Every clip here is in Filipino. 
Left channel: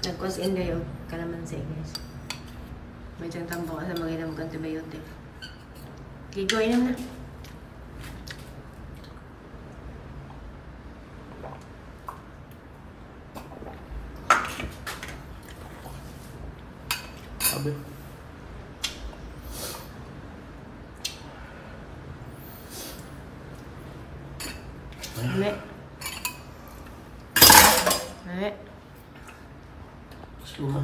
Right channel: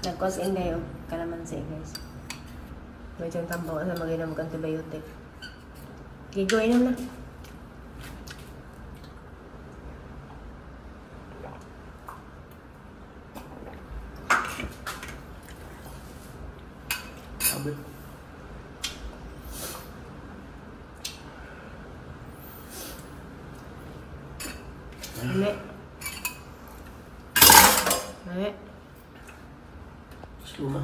Nag-cause in kayo. Kalamansi, guys. May siyang tambang sa mag-inom ng antibiotic. Gigo, inom na. Abot. Ame. Ame. Suma.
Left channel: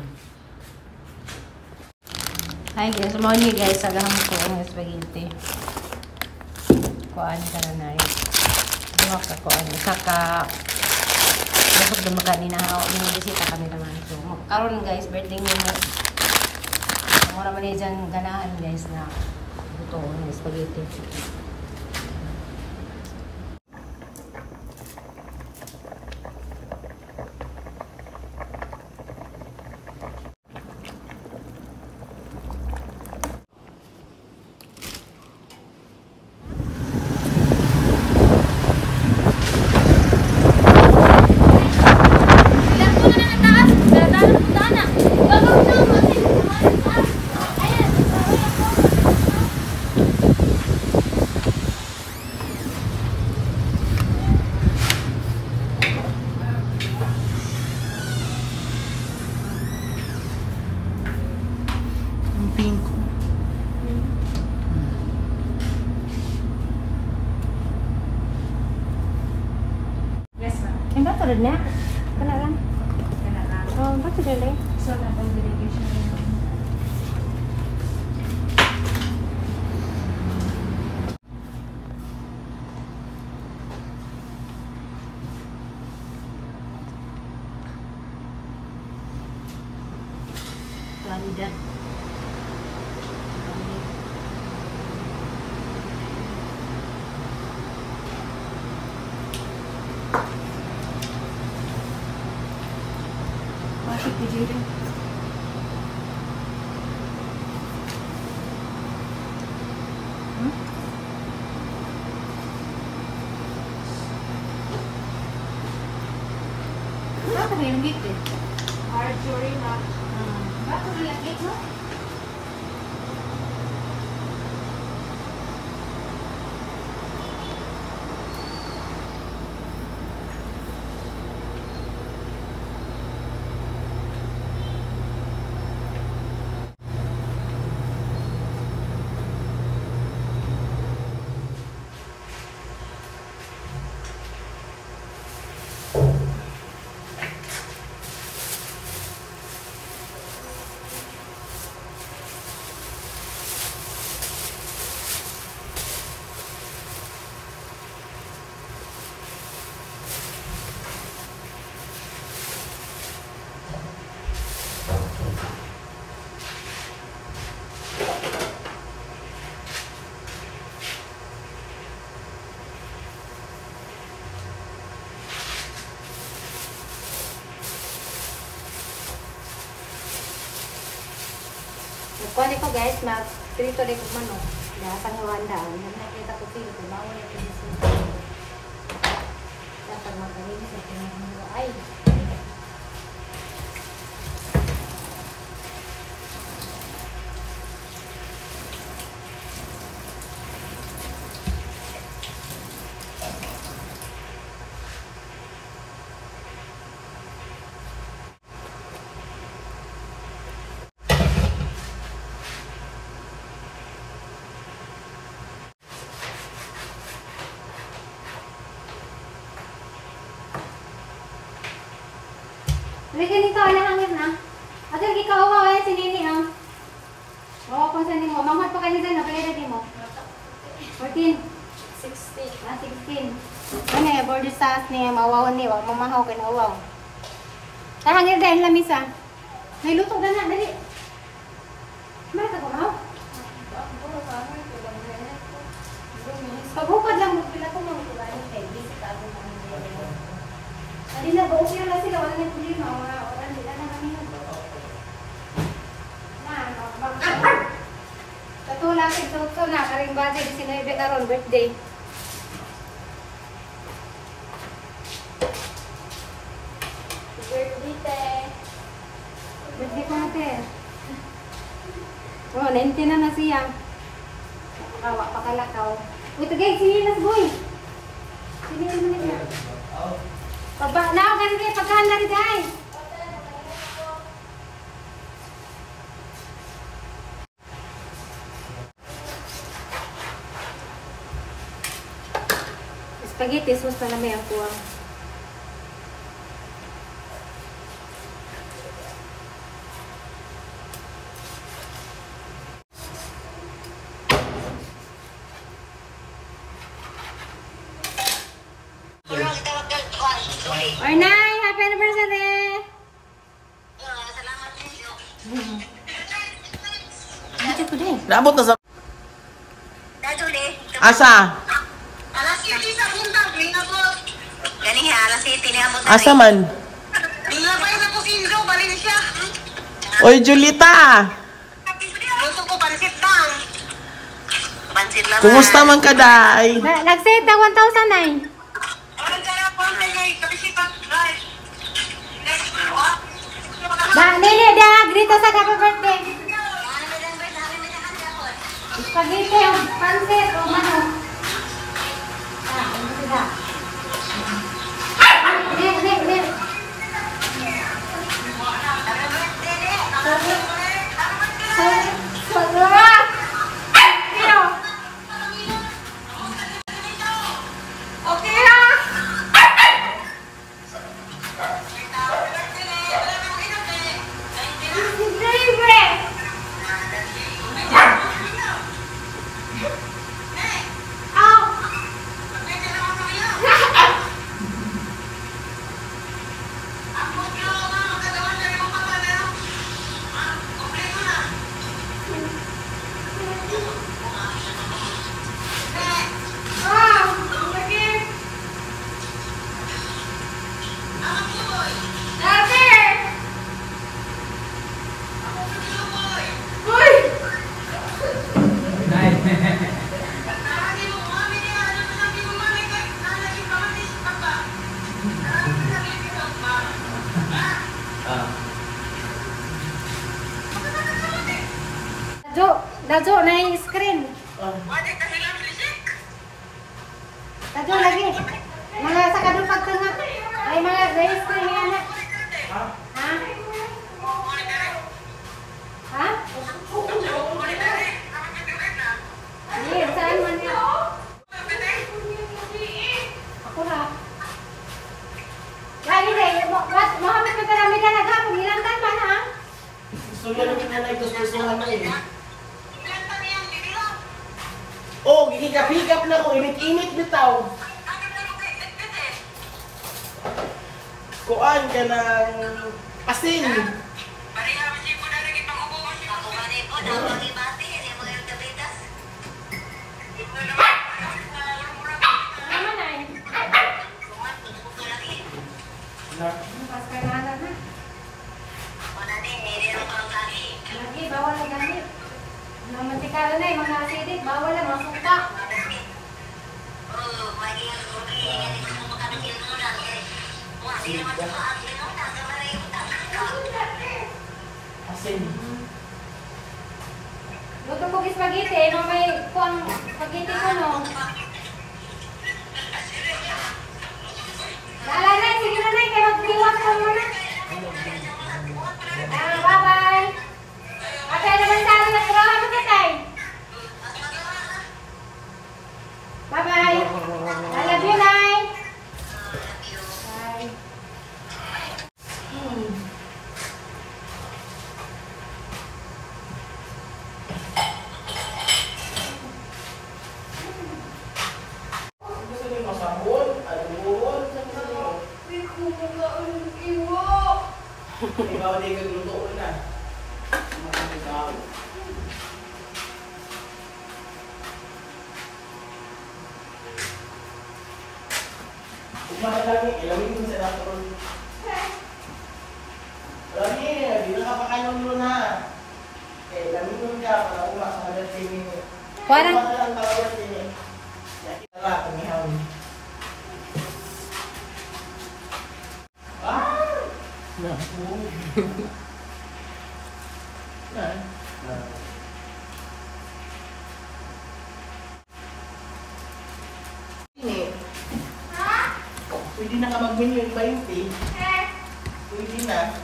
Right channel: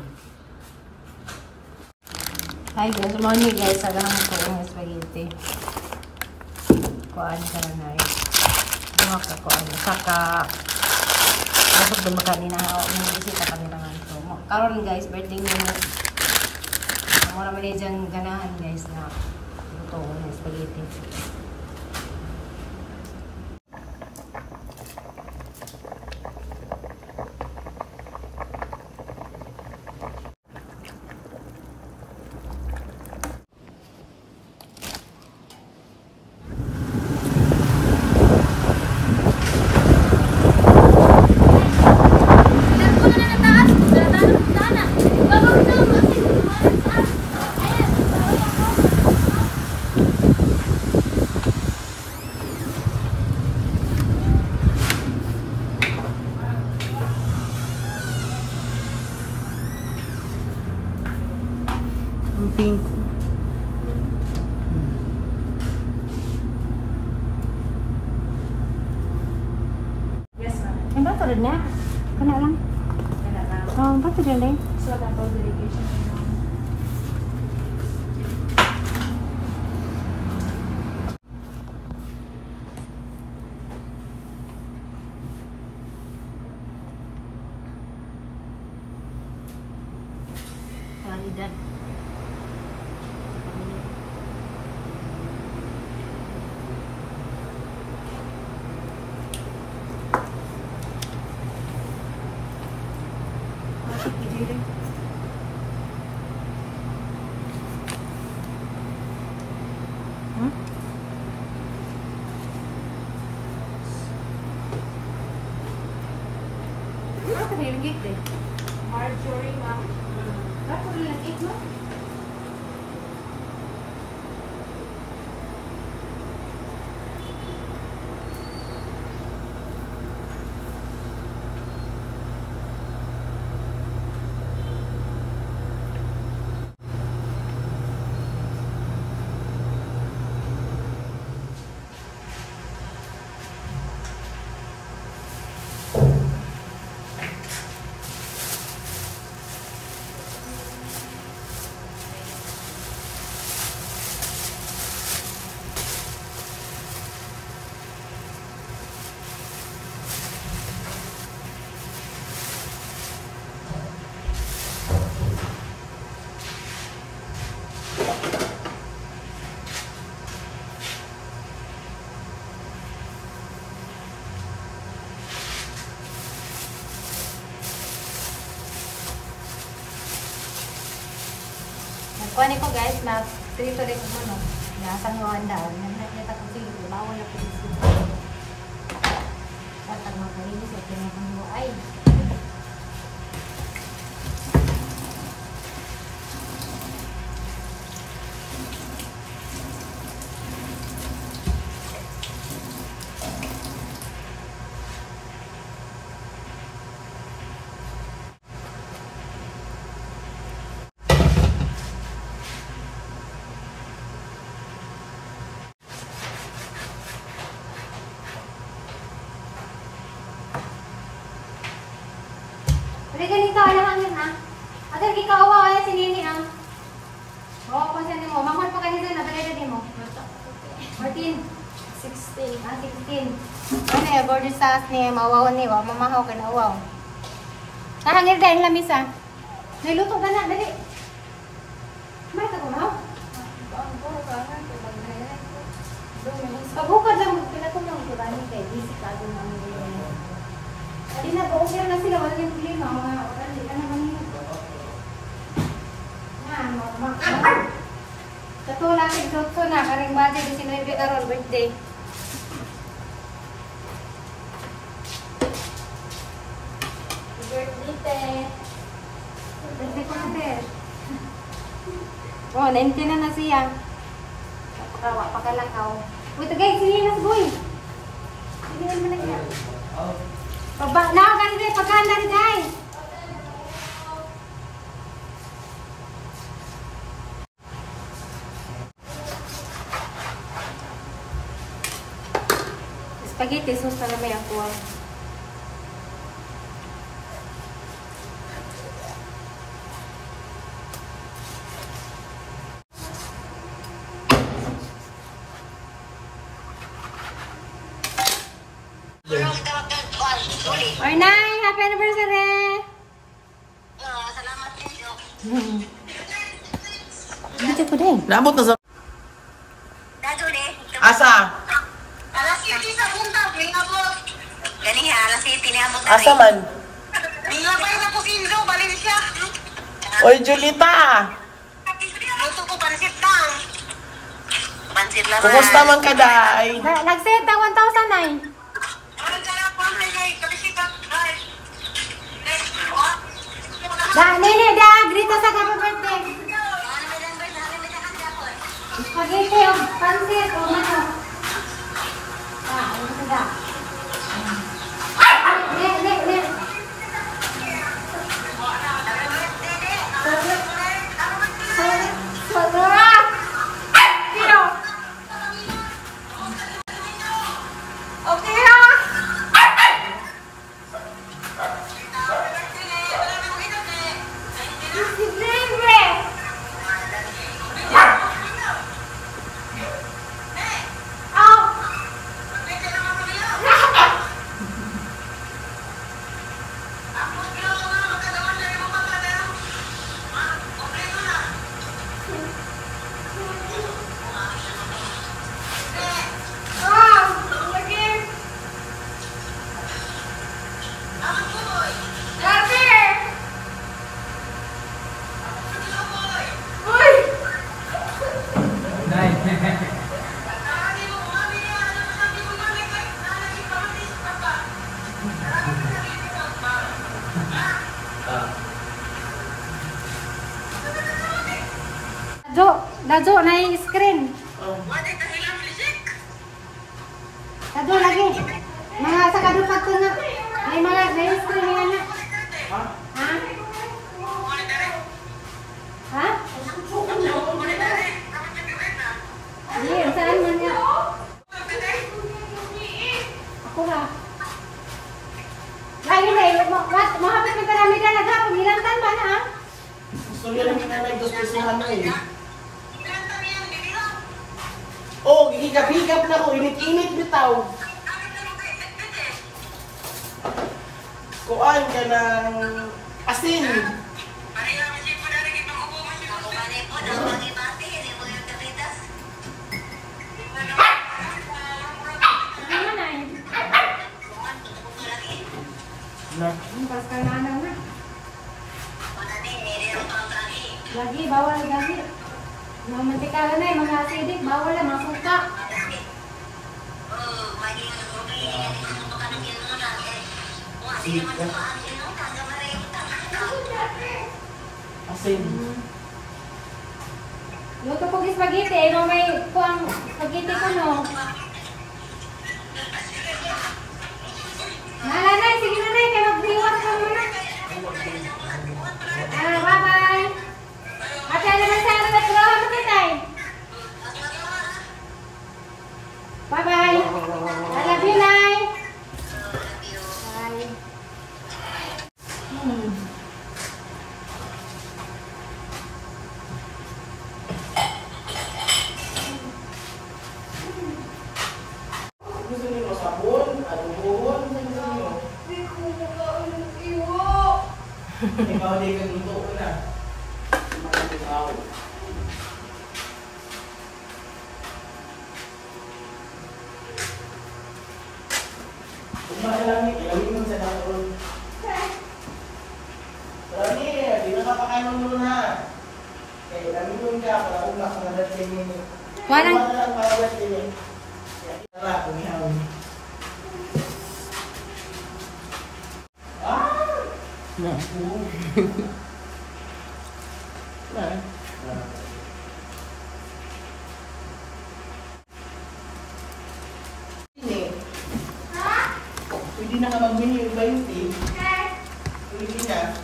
Hi guys, morning guys. Sagahang ko ang spaghetti. Kuan ka na na rin. Duha ka kuan. Saka masok dumakan ni na mga bisita kami naman. So, karon guys, birthday niyo mo. Mura man dyan ganahan guys na luto ng spaghetti. Pink. Yes, ma'am. Yung bato rin niya? Kena lang. Kena lang. Oh, bato rin eh. So, natin dedication na. Kualidad. Masuk di sini. Apa yang gitu? Marjorie, ma'am. Apa yang gitu? Kuha ko guys, mag-trito rin ko manok. Nasang hiwanda. Nakita ko siya. Dibawa niya ko siya. Tatag mag-linis at pinag-hiwa. Ay! Hindi ganito, hangin na. At hindi ka uwa si Nini, no? Oo, kung saan mo. Mamad pa kayo dyan, napalala din mo. 14? 16. Ah, 16. Ano eh, body sauce niya, mawaw niya. Mamahaw ka na uwaw. Hangin dahil lamisa. Nailuto ka na, dali. Mara ka kumaw? Pagbukad lang, pinatulong ko ba niya kay Bisi ka doon namin. Hindi na, buong sila lang sila, walang yung klima, mga oran, hindi na naman yun. Yan, mga sa tula, so na, karing bati, di sinayde karon birthday. Birthday, te. Birthday ko na, sir. Oh, 19 na siya. Kawa, pakalakaw. Uy, tagay, sinilas, boy. Sinilas mo na siya. Baba, nakakalit tayo, pagkaan na rin tayo. Spaghetti, sauce pa naman ang kuwang. Ornay, happy anniversary! Salamat ninyo. Dito ko din. Nabot na sa... Daduli. Asa? Alas 7 sa buntag, lingabot. Gani ha, alas 7 niabot na Asa man? Lingabay na po Sinzo, Valencia. Oy, Julita! Gusto ko pansit lang. Pansit lang. Kumusta man ka, day? Nag-set na 1,000 ay. Anong kaya po ang kanyay? Kabisipan. Ay. Nini, grito sa happy birthday. Spaghetti, pansit, o manok. Ano sila? Ne. Sarap! Sino? Okay ah! Dajo na yung screen. Dajo lagi. Mga sa kadupag ka nga. May mga screen nga na. Ha? Ha? Hindi, saan man nga? Ako na. Lagi na, mahamit mo karami ka nagharap. Nilangkan ba na? Gusto niya namin na nagdospesuhan na eh. Oh, gigigap-higap na ko. Init-init bitaw. Kuan ka ng asin. Lagi, bawal na gamit. Mga mantikalan na mga acidic, bawal na, mga suka. Asin. Luto ko spaghetti, no may kuang spaghetti ko no. Nalanay, sige na nay, kaya mag-iwan ko muna. Bye-bye. Ate, naman sa akin at gawa mo kitay. Bye-bye. I love you, Nay. Bye. Gusto mo sabon, alcohol, ikaw di ka luto na. Ilawin mo sa dakon. Lagi, di ba napakainom mo na? Ilawin mo ka, nakumak sa mga tingin mo. Parang Ini. Pwede na ka magbili yung 20. Pwede na.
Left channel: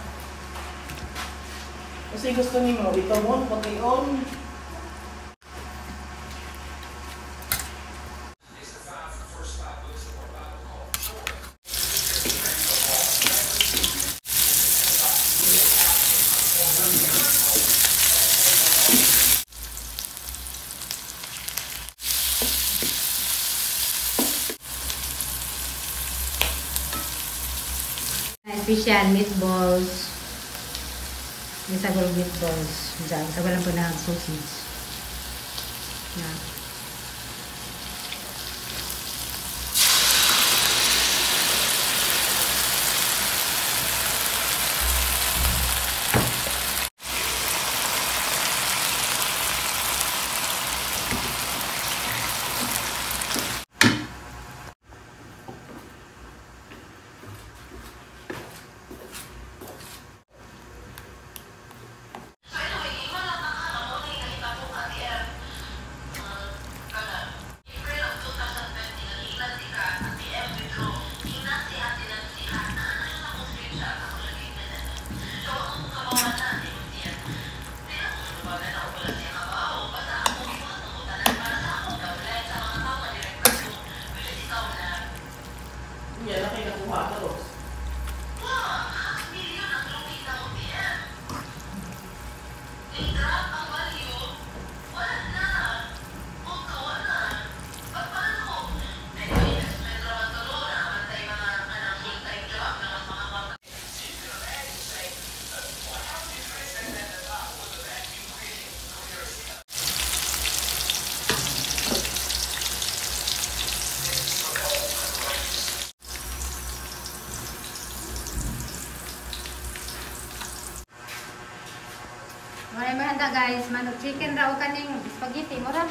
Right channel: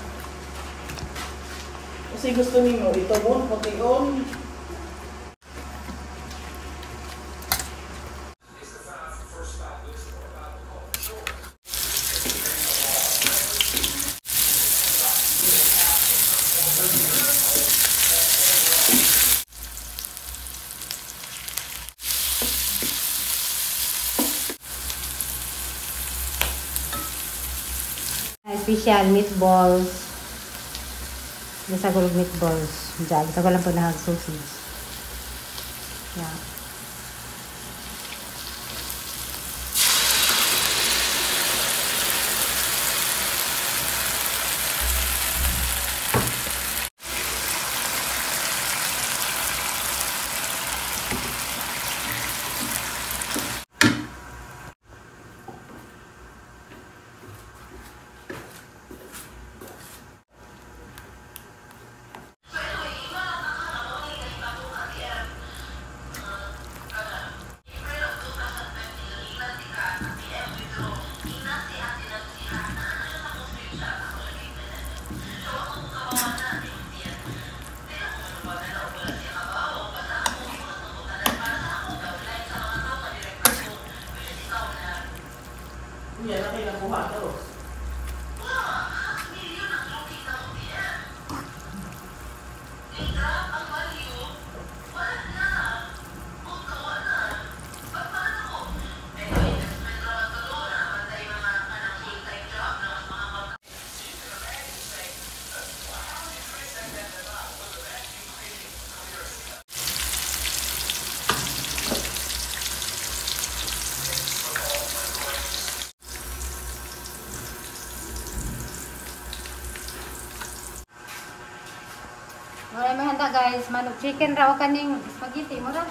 Kasi gusto niyo, ito mo, puti-on. Special meatballs. Bisa gulung meatballs. Diyan, kita walang panahag sausage. Yeah. Yan, laki na kuha ko. Wala may handa guys, manok chicken raw kaning spaghetti mo ra.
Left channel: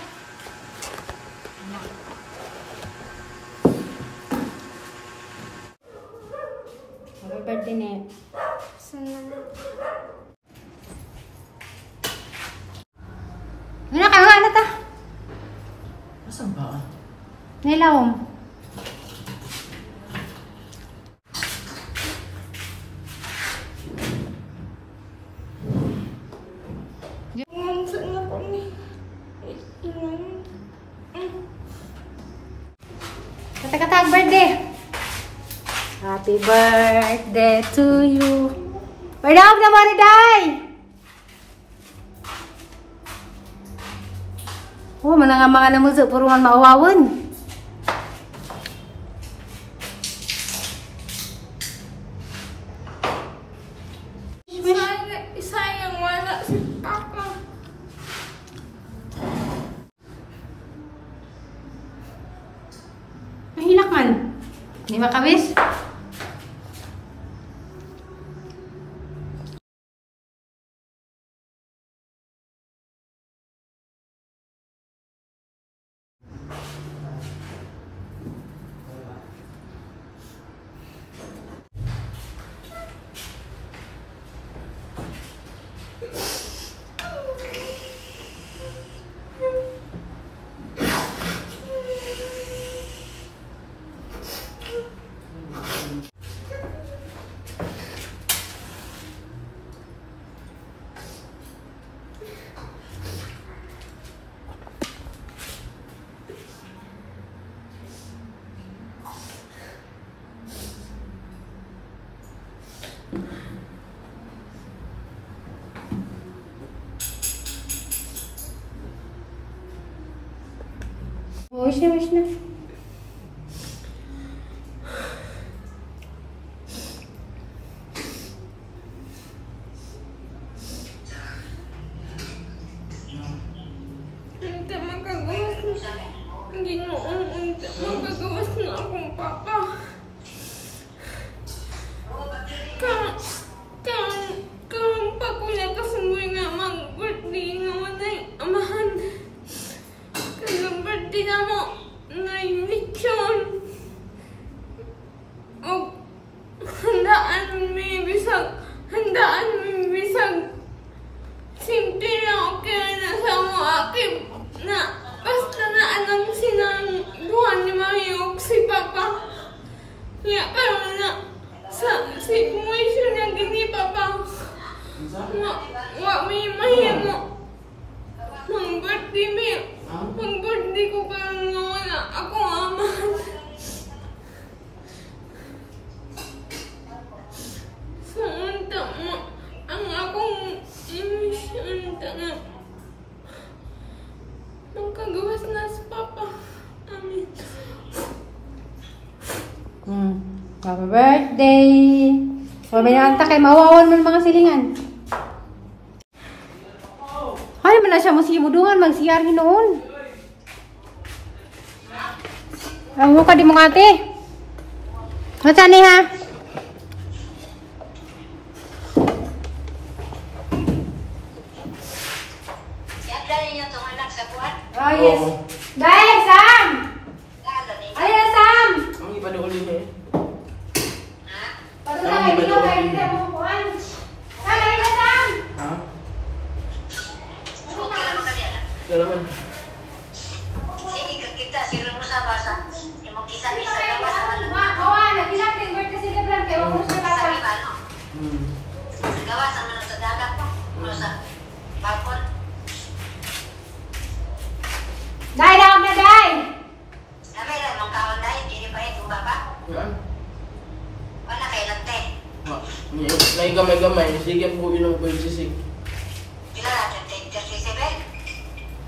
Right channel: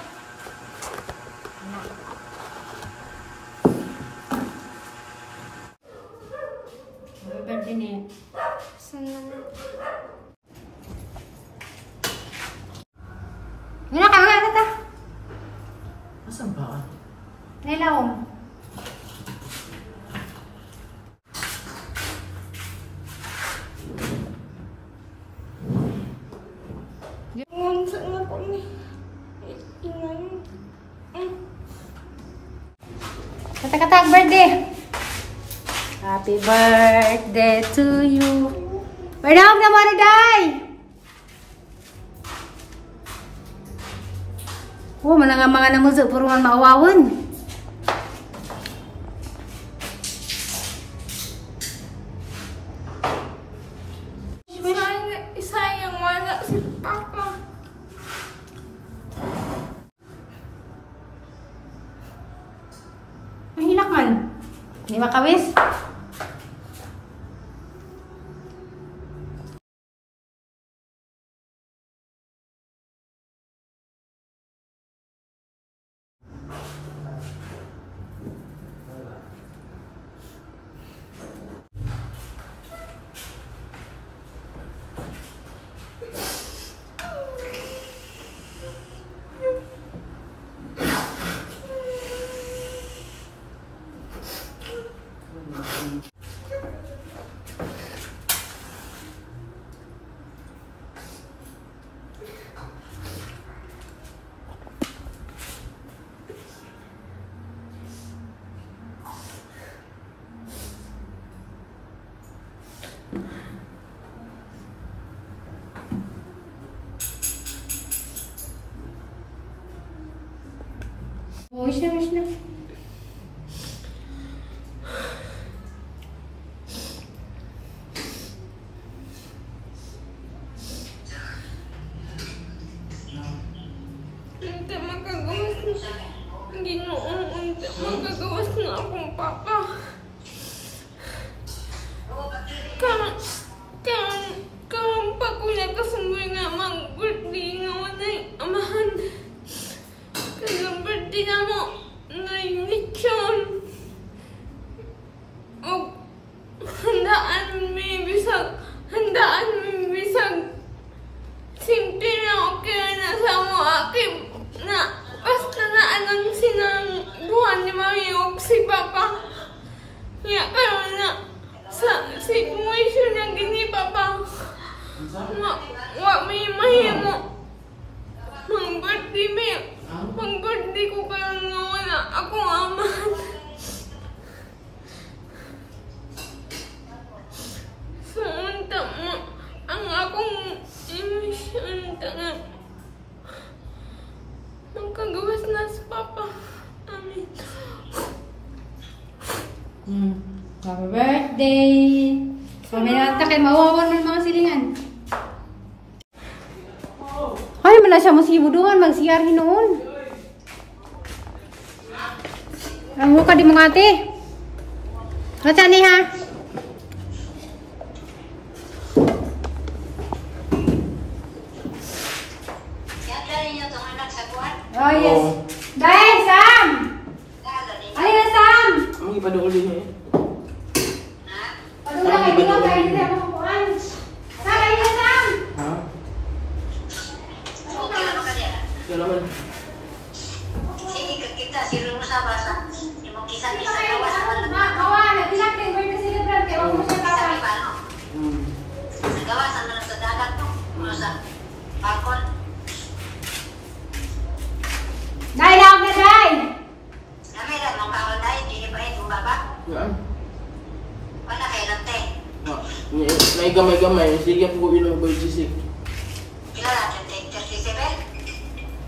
Happy birthday ni. Ngina ka nga ta. Asan ba? Nilawom. Kata-kata birthday. Happy birthday to you. Bernam na mariday. Oh, mana nga mga namuzo puruan maawawon. Sayang wala si Papa. Mahilak man. Di makawis. Wish na, wish na. Hindi magagawas na. Ginoon, hindi magagawas na akong Papa. Kang pakunya kasungoy nga mag-birthday nga walay amahan. Kaya birthday na mo ngayon lechon. O handaan mi bisag simple na ako birthday, May. Pag-birthday ko kaya nga wala akong amahan. Sumunta mo ang akong imisyon na nagkagawas na sa papa. Amin. Happy birthday! May nakanta kay mawawan mo ng mga silingan. Ay, mala siya mo sibudungan, mag-CR hinoon. Ang ka di mo kate. Nasa ni ha? Oh, yes. Day, Sam! Ayan, Sam! Ang iba doon din eh. Padung na kayo, kayo hindi mo kukuhan. Sam, ayan, Sam! Ha? Kailangan. Kawan, nagilak din birthday celebrant kayo. Huwag mo siya papa. Day, daw na, Day! Yan. May gamay-gamay. Sige po yun ang boy sisig.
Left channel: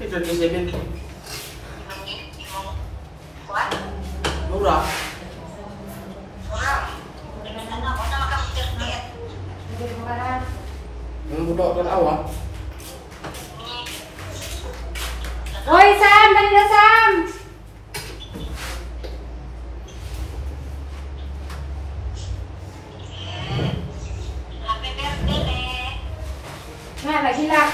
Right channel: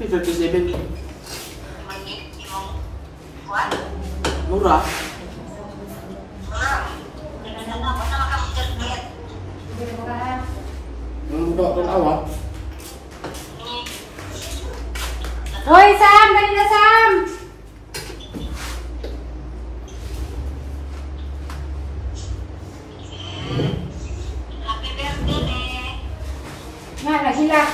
37. Murah. Yang budak kan awak. Hoy, Sam! Dali na, Sam! Nga, naghilak.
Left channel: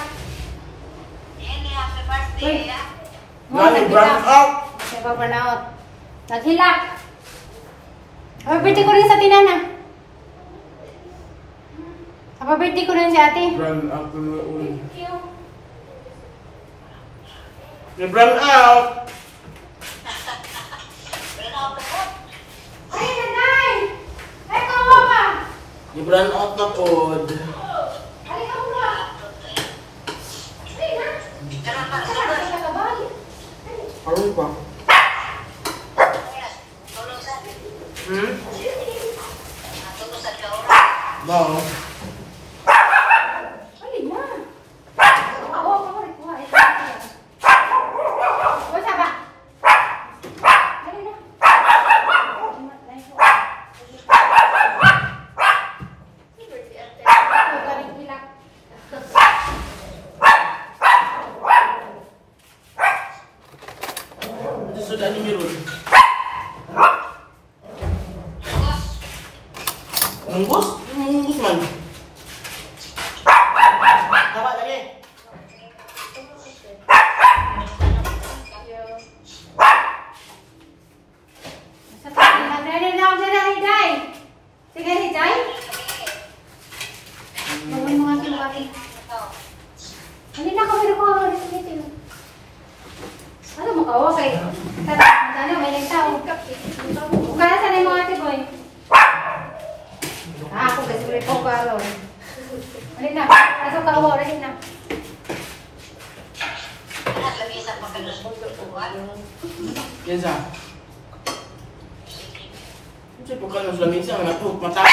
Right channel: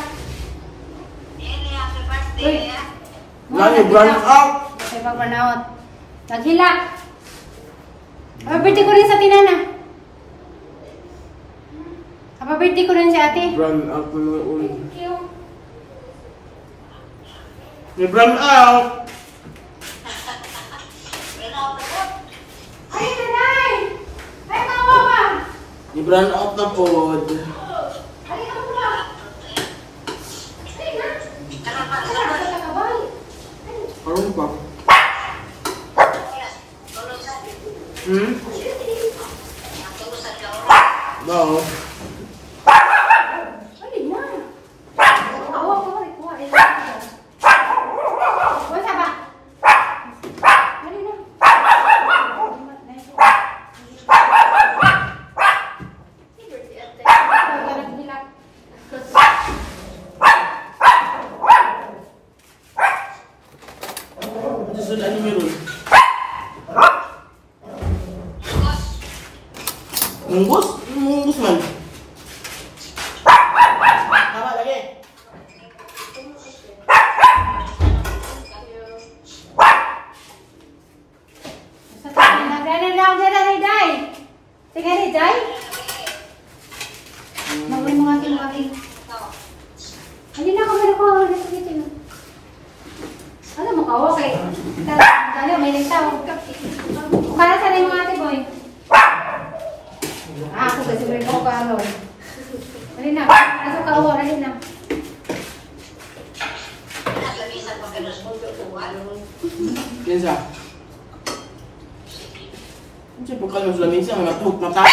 Lagi brand out. May pag-burnout. Naghilak. Happy birthday ko rin sa tinana. Happy birthday ko rin sa ate. Brand out na mga ulo. May brand out. Ay, nanay! Ay, kawa ka! May brand out na pod. Ay, kawa! Ay, na! Ay, na! Arong pa. Hmm? Bao. Ay, na! Kawa ka ba? Kuha, ay, Huwag siya ba? Dali na. Sudah ni mirul. Mungkus? Mungkus man. Tama lagi. Sige, Day. Mawin mo ating bakit. Hindi na ako, pero ko. Ano mo kawo kay? Tara, may nagtawag. Kaya sanay mo ate, boy. Ako kasi ulit ko ano. Alin na, kaso kawo, alin na. Kinsa? Kasi bukan ng lamisa, ang natuk mata.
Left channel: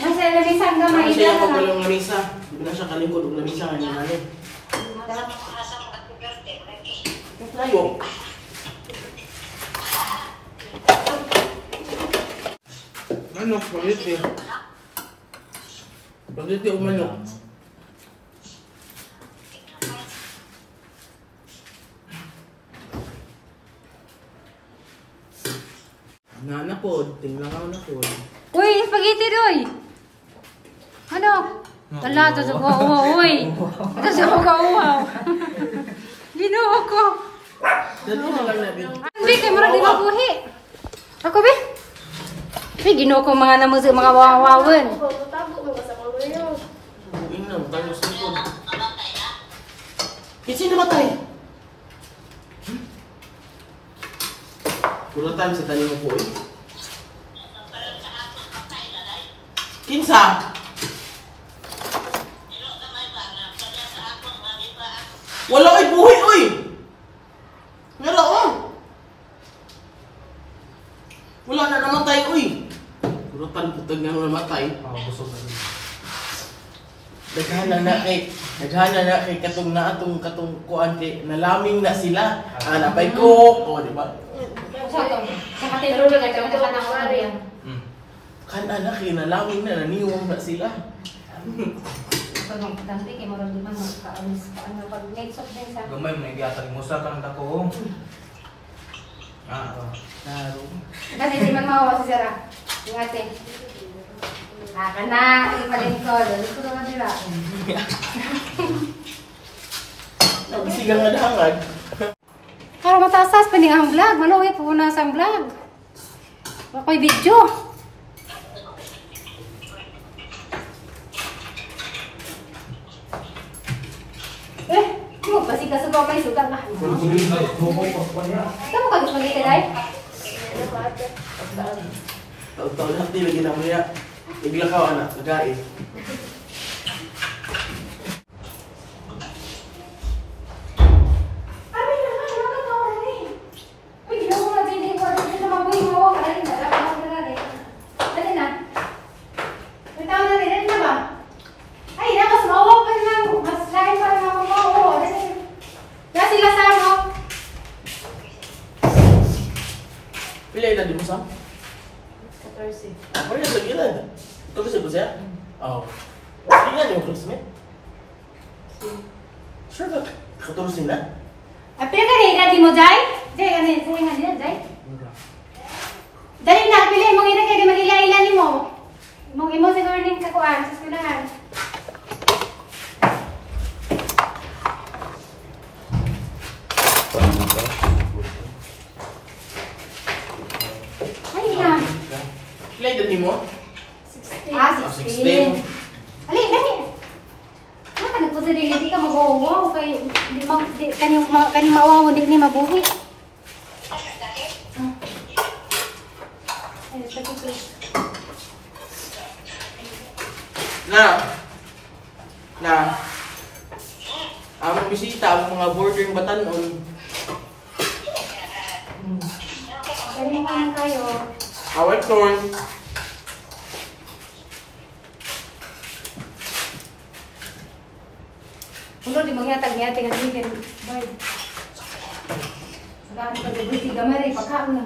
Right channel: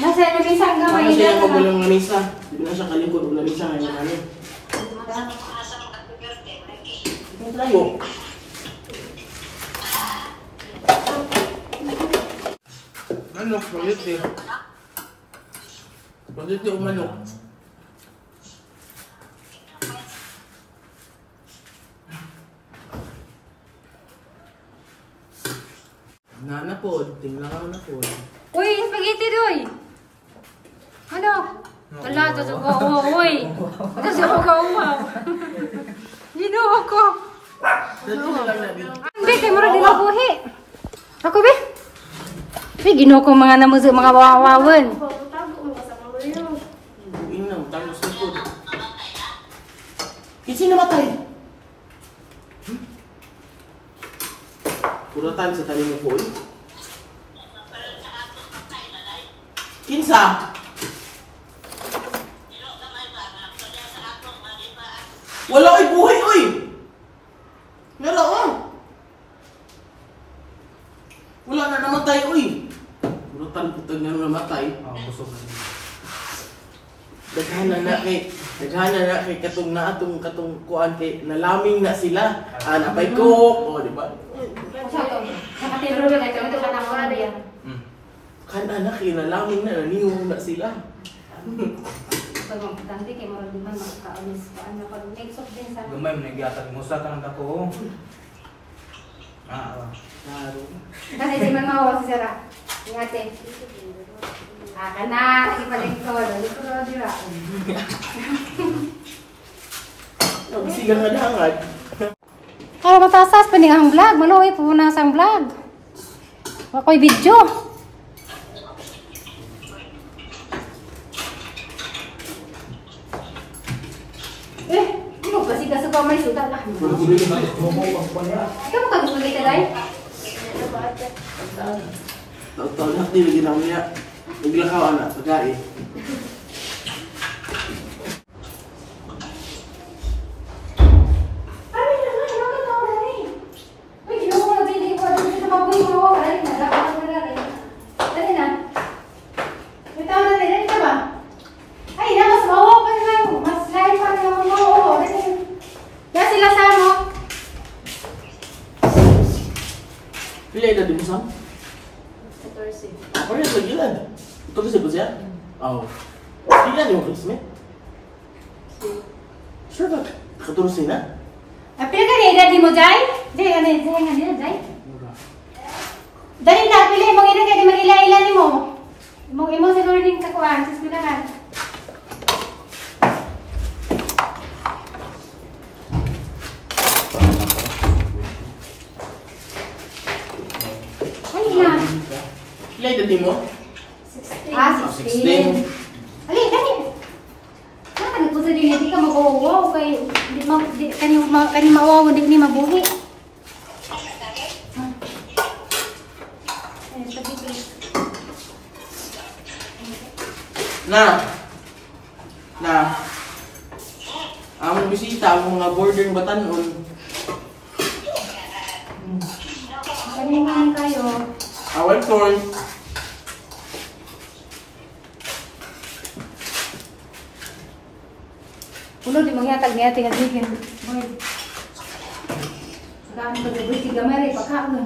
Masaya na bisang gamay. Sama siya yung magulang lamisa. Hindi na siya kalikod ng lamisa ngayon namin. Ang tayo. Manok, spaghetti. Spaghetti o manok. Na po, tingnan ako na po. Uy, spaghetti doy. Ano? Wala, tasuko. Uy. Tasuko ka, uhaw. Ginuho ko. Dati na lang namin. Ang bigay mo rin din ang buhi. Ako, be? Be, ginuho ko mga namusik, mga wawawan. Buing na, tangos na po. Kasi namatay. Kuratan sa tali mo po. Kinsa? Wala ay buhay, oy! Wala, oh! Wala na namatay, oy! Brutal putag na namatay. Busog na yun. Daghana na kay katong na atong kuan kay nalaming na sila. Napay ko, di ba? Sa to. Sa katero na kami ka na area. Kan anak kay nalaming na naniwang na sila. Pagong dante kay murag di man makaalis ka ano pag next of din sa. Gamay mo nagiyatan mo sa kang dako. Klaro. Kasi di man mawawa si Sara. Ingate. Kana, di pa din ko, dali ko dira. Sige nga dahangad. Para matasas pa ang vlog, manoy po na sang vlog. Ako'y video. Di mo kasi kasugaw may sugal ah. Ikaw mo ka gusto nito, Day? Taon na ti lagi na niya. Naglakaw anak, pagkain. Pila ila di mo sam? 14. Ano yung lagilan? Ito kasi ba siya? Oo. Tingnan yung classmate. Sure ka? Katuros nila? Apil ka na edad mo, Day? Day, ano yun? Day, ano yun, Day? Dali na, pili mong edad kaya di magila-ila ni mo. Mong imo siguro din kakuan sa eskwelahan. Ay na. Pila ila mo? 16. Ali, dali. Ano ka nagpusa din, hindi ka mag-uwaw kay kani mawaw, hindi ni mabuhi. Na. Ang bisita, ang mga boarding batanon. Kani man kayo. Awal corn. Uno di mangyatag niya tiga tingin. Boy. Saka ang pag-ibig tiga meri pagkaon mo.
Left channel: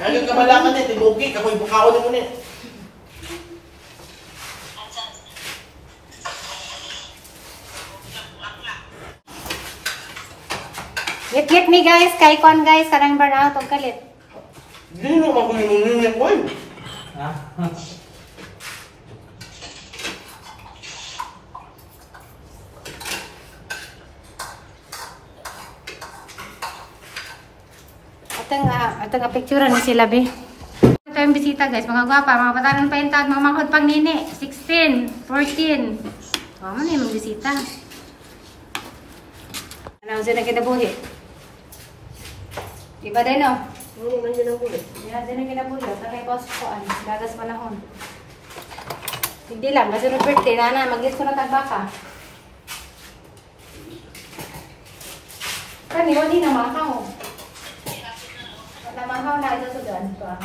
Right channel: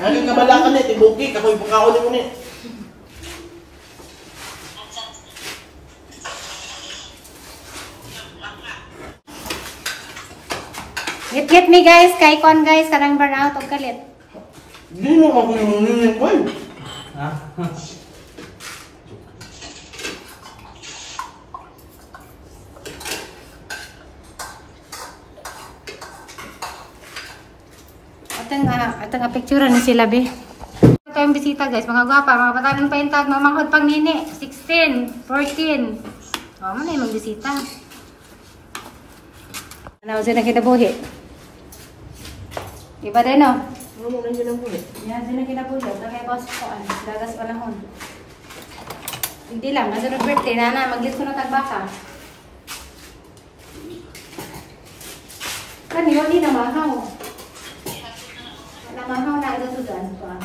Ano ka balakan niya? Tibuki, kakoy bukaon mo niya. Get me guys, kay kon guys, karang burnout og kalit. Hindi mo makulimunin niya, boy. Ha? Atang picture ni sila be. Ito yung bisita guys, mga gwapa, mga batanan pa yung tag, mga mangkod pang nini, 16, 14. O, ano yung bisita? Ano siya na kinabuhi? Iba rin o? Ano mo nandiyan ang bulit? Yan, siya na kinabuhi. Sa kay boss ko, dagas panahon. Hindi lang, masunod birthday, nana, mag-git ko na tagbaka. Kani, wali na mahaw. Namahaw na ito sudan pa.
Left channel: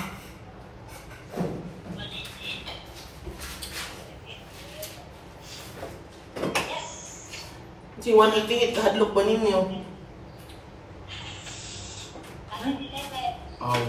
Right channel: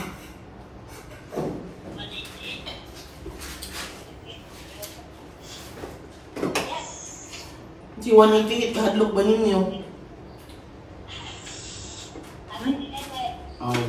Si Juan tingit kahadlok ba ninyo? Oh.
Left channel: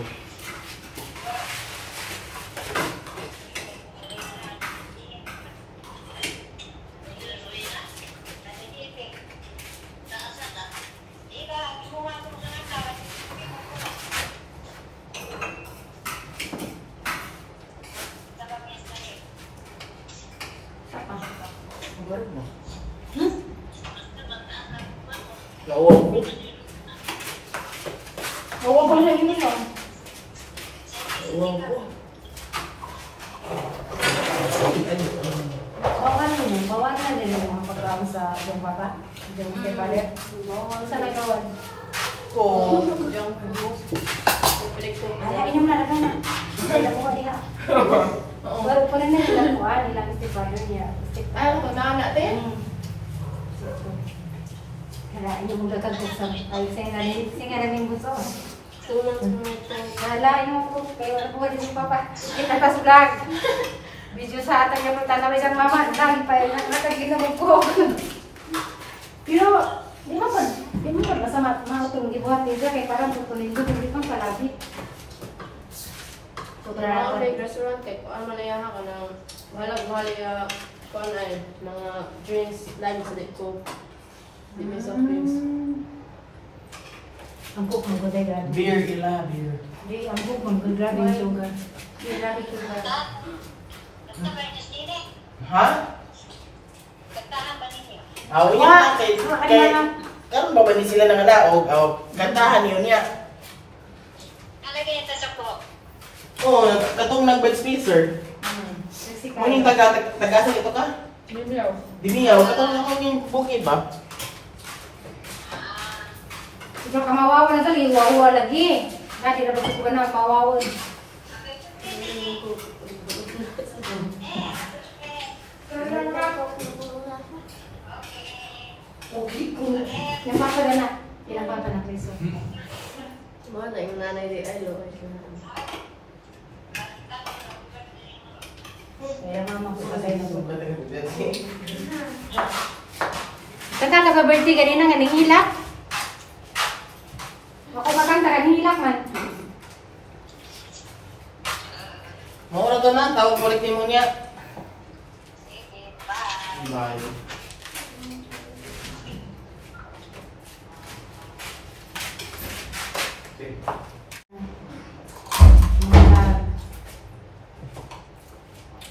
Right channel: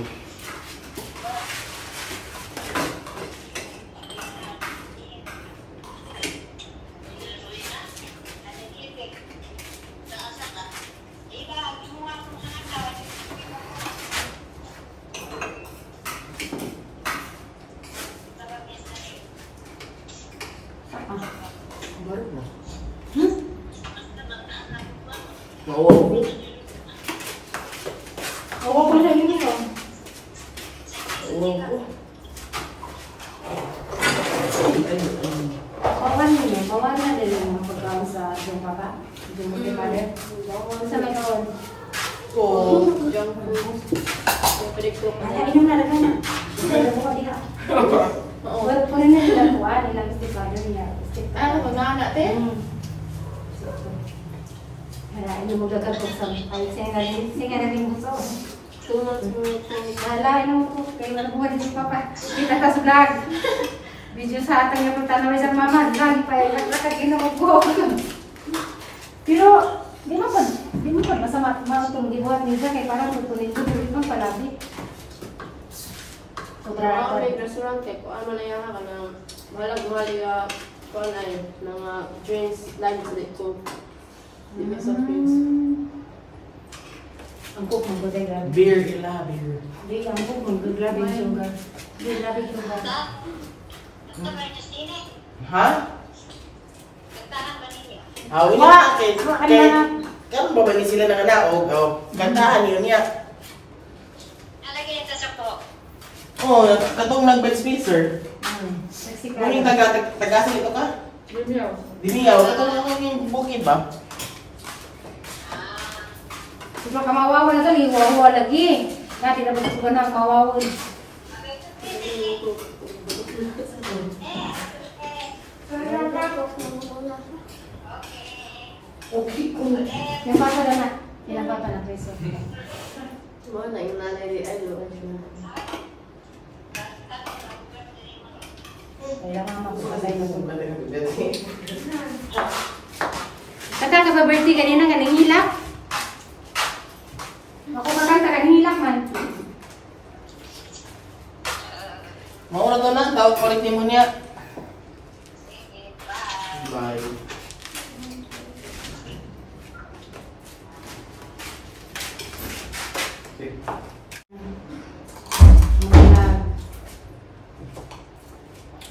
Nawaw ko. Oo, kung saan yun ito? Nawaw ko. Bawalan din yung pagkaon sa yung baka. Yung kay father. Saan na yun? Oo. Diyan po. Inom na lang na. Wala ko diha. Wala ko na nila kuan nilang stepfather niya. Ano ko na natin? Kaya hindi mo gagagod sa ay singa na rin gusto. Wala, mo po. Kaya bumalik si Papa. Kita sa vlog. Video sa atin yung tanawin ng mama. Lagi pa yung nakagilawag po. Pero, di mo pa masama matulog ibuhat niya kaya parang tutuloy ko. Hindi kang palapit. Ako may restaurant kay kung ano na yaha ka ng mahal kung ano yun, mga drinks, lunch na ito. Depends of things. Ang cook mo ba grabe? Beer, ila, beer. Hindi, ang cook mo grabe yung sugar. Hindi, grabe yung sugar. Ha? Aw, Wala. kay Ano na? kan ba ni sila nakadaog? Aw, kantahan yun niya. Alagay ito sa po. Oh, katong nag-bed spacer. Ano yung tagasan ito ka? Diniyaw. Katong yung bukid ba? Ikaw ka mawawa na dali, wawa lagi. Dati na ba ito na mawawa? Okay ko. Yung papa na. Ilang papa na peso? Mga na yung nanay di ay lo. Kaya mama ko patay na po. Kanta ka ba birthday ganyan nga nangilak? Ako makanta ka nangilak man. Maura ka na, tawag ko rin mo niya. Bye.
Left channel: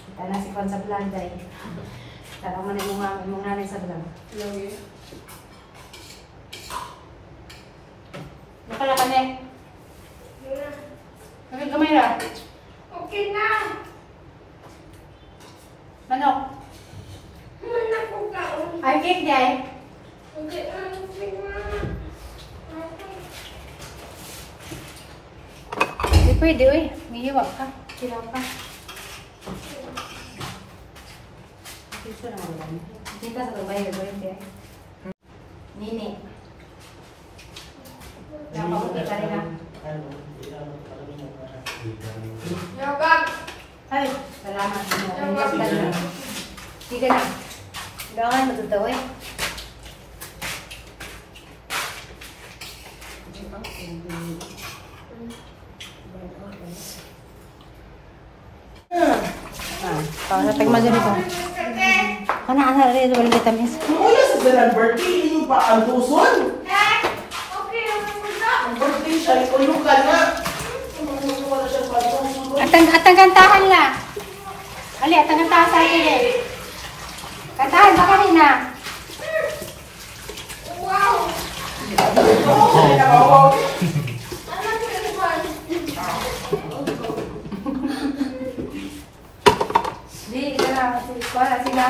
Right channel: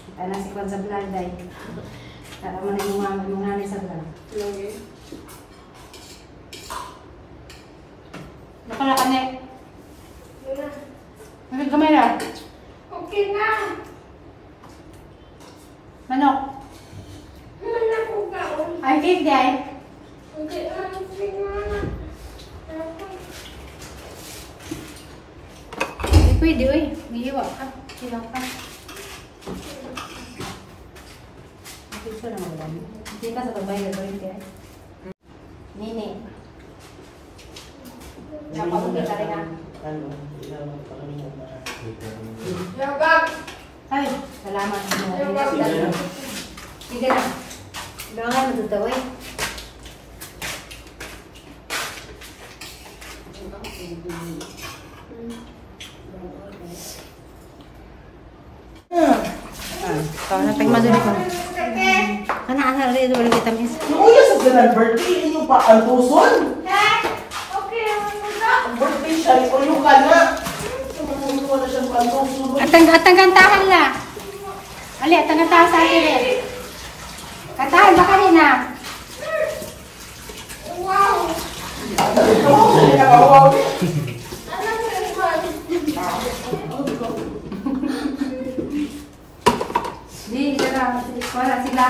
Kita na si Kwan sa vlog day. Tara mo na yung nanay sa vlog. Lagi. Napala ka na eh. Gamay na. Okay na. Manok. Manok ko ka. Ay, cake day. Hindi, Hindi pwede, uy. Nihiwag ka. Hiwag ka. Picture na nga lang. Hindi ka sa tambay na gawin kaya. Nini. Napakungit ka rin na. Yogag. Ay, salamat. Sige na. Gangan mo totoo eh. Kalau sa tagmadali ko. Kana ana rin ito ulit tamis. Uy, sa sila birthday, yung pa ang puson. Okay, Ang birthday siya, ipulong ka na. Tumutulong na siyang pantusun. Atang kantahan la. Ali, atang kantahan sa akin eh. Kantahan ba kanina? Di, sila sila.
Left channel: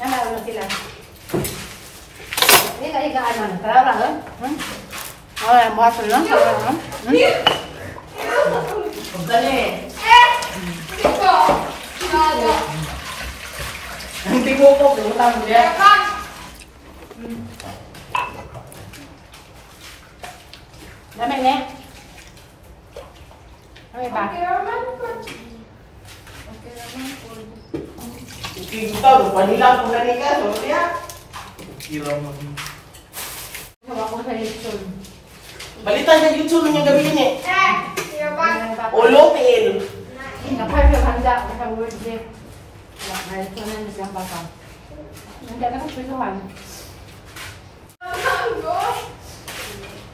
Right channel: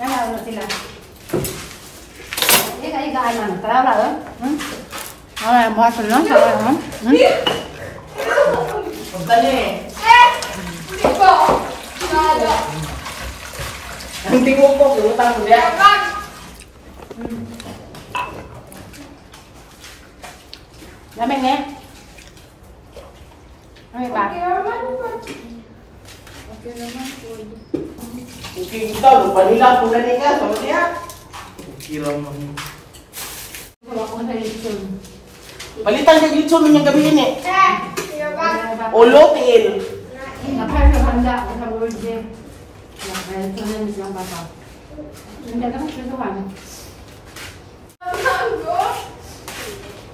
Nalaon na sila. Iga ano? Tara na doon? Ay, ang buhat sila. Tara na. Dali. Hindi mo po, gulutang mo yan. Lamig na. Ano ba? Okay, kita lupa nila po gani ka. So, niya. Kira mo. Balitan ka dito ng gabi yun eh. Olotil. Nakaya handa sa word niya. Nakaya ito na niya ang papa. Hindi ka ng susuhan.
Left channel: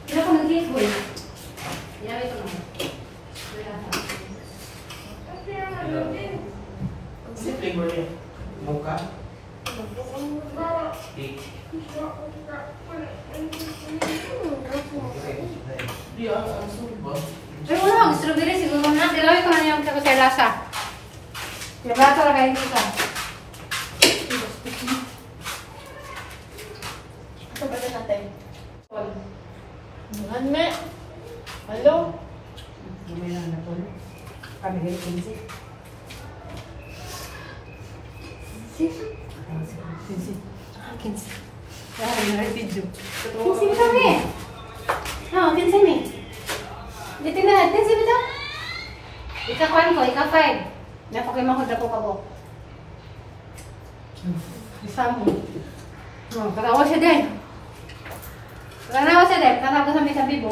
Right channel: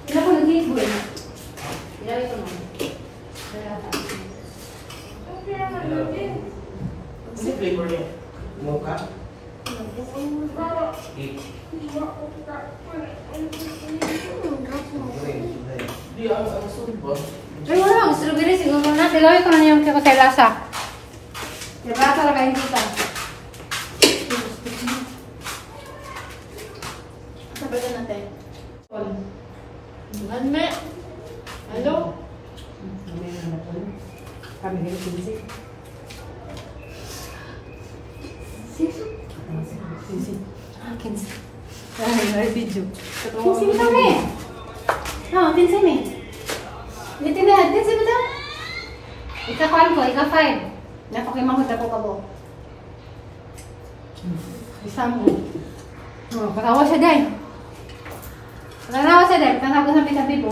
Ilan ko nag-iit ko eh. Ilan ito naman. Si flavor niya. Mukha. Di ang sulit ba? Ay, wala. Strawberry siguro na. Gagawin ko na yung kakalasa. Kaya talaga hindi ka. Sabihin natin. Ano? Hello? May nanda po na. Kami ganit kinsi. Kinsi. Kinsi. Kinsi. Ay, video. Kinsa kami? Ha, kinsa mi? Dito na, kinsa ba ito? Ika-5 ko, ika-5. Napakimahod ako ka po. Isa mo. Katawa siya din. Katawa siya din. Katawa sa may tabi po.